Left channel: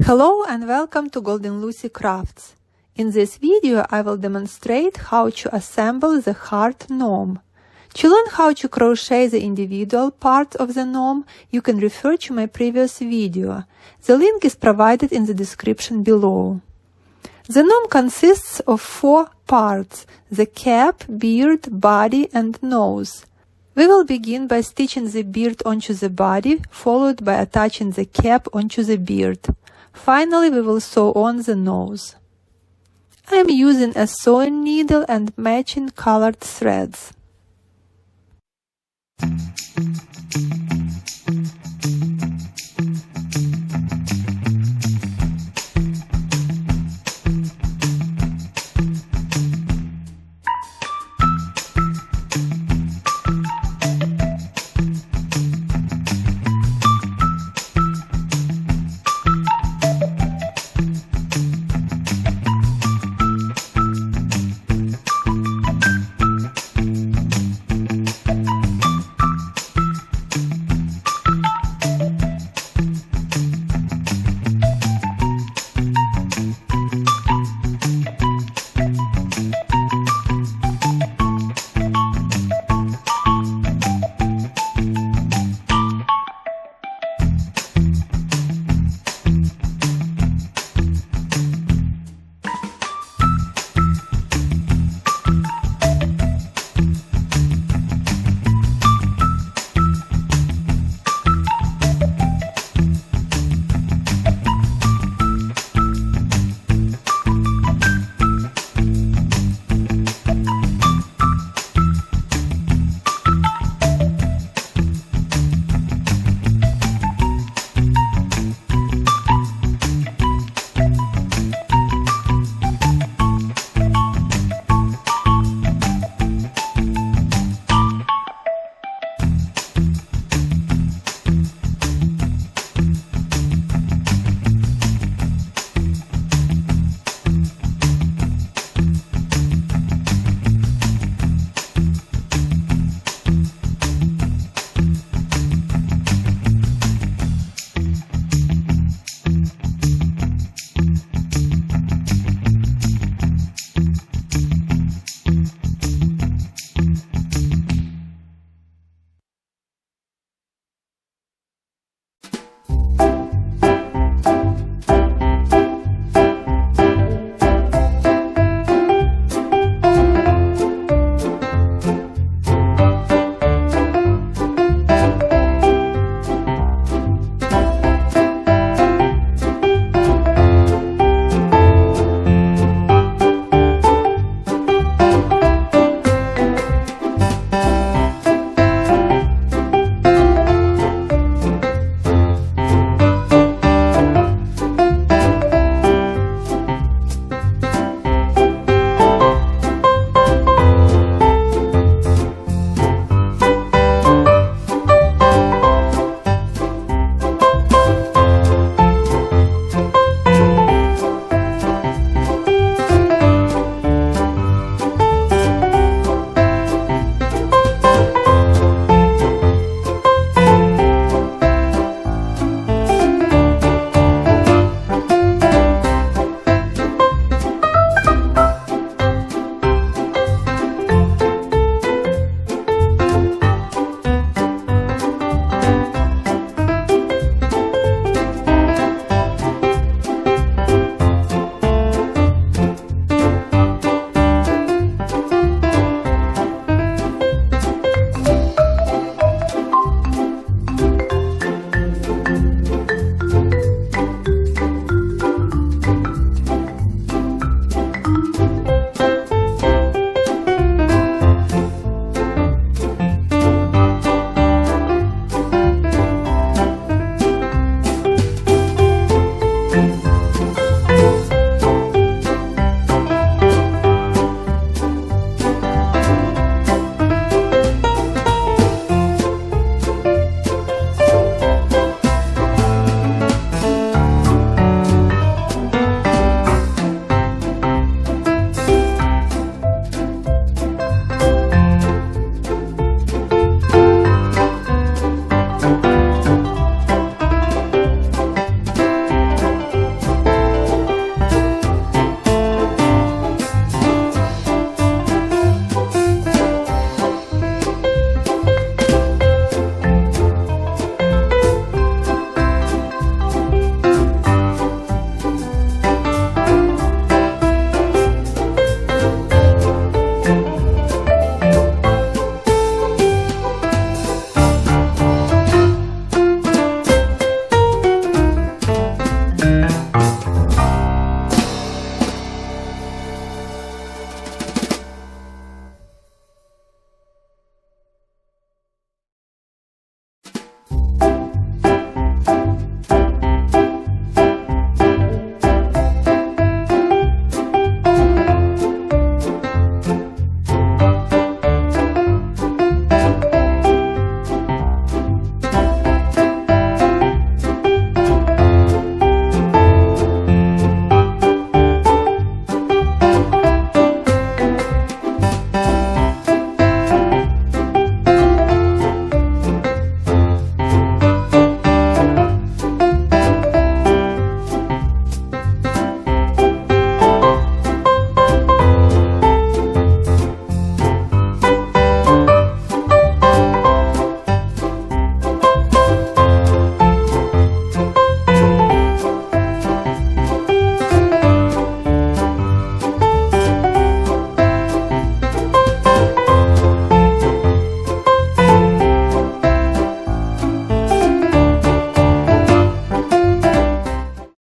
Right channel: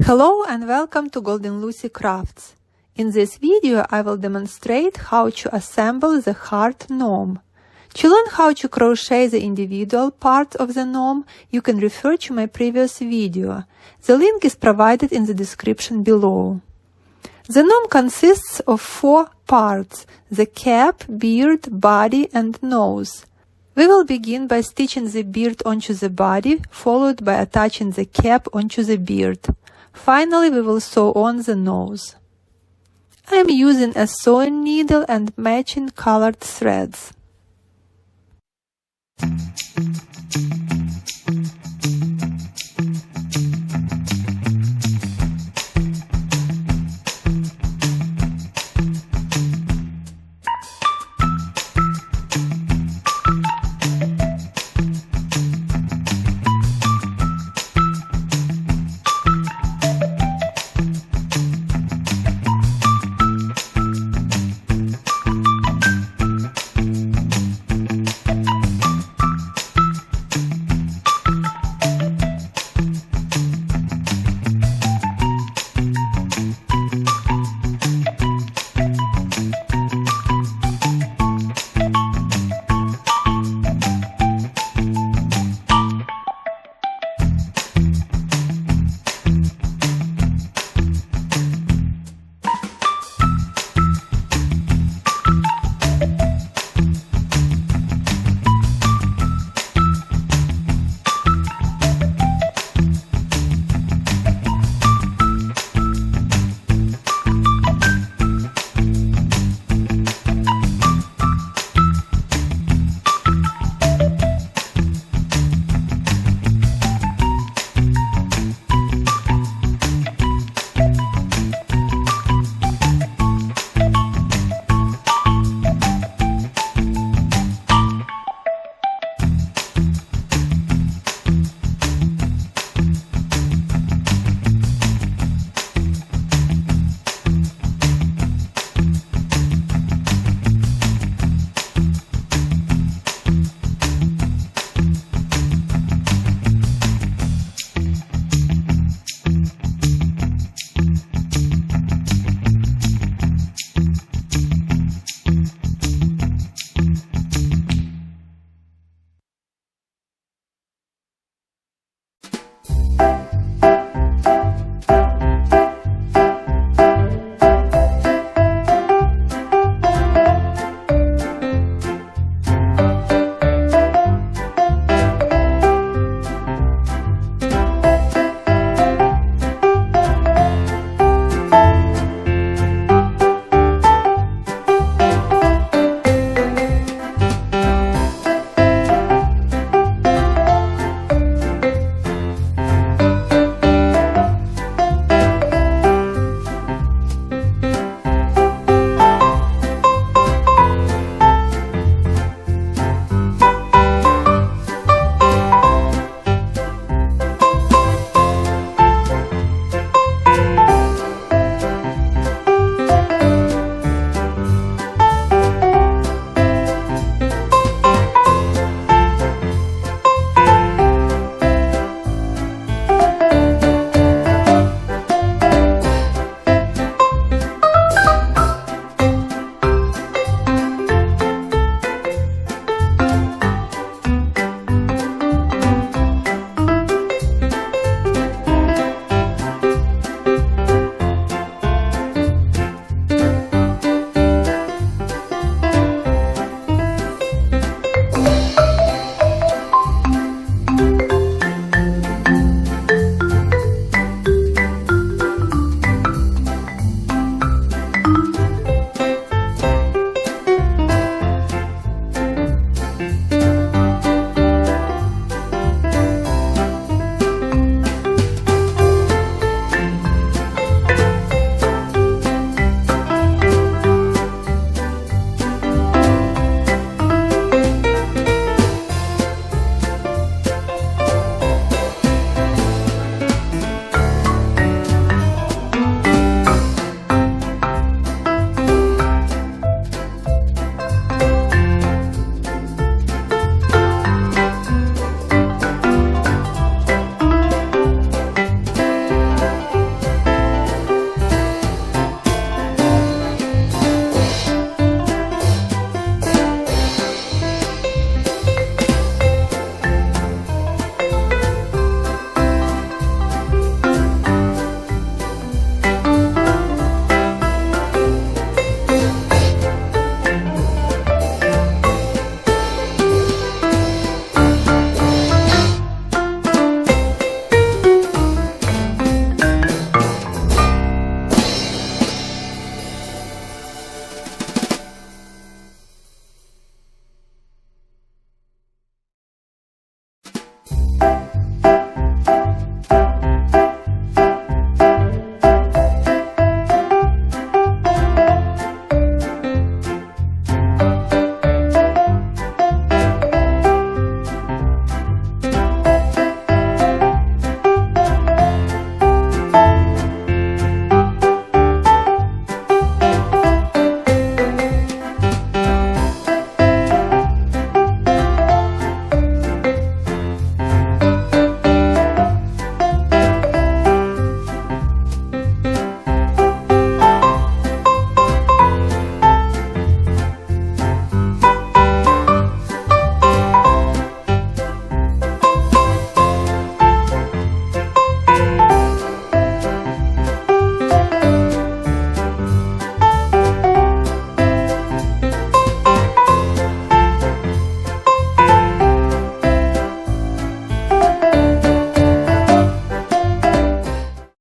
Hello and welcome to Golden Lucy Crafts. In this video I will demonstrate how to assemble the heart gnome. To learn how to crochet the individual parts of the gnome, you can refer to my previous video. The link is provided in the description below. The gnome consists of 4 parts: the cap, beard, body and nose. We will begin by stitching the beard onto the body, followed by attaching the cap onto the beard. Finally, we will sew on the nose. I am using a sewing needle and matching colored threads.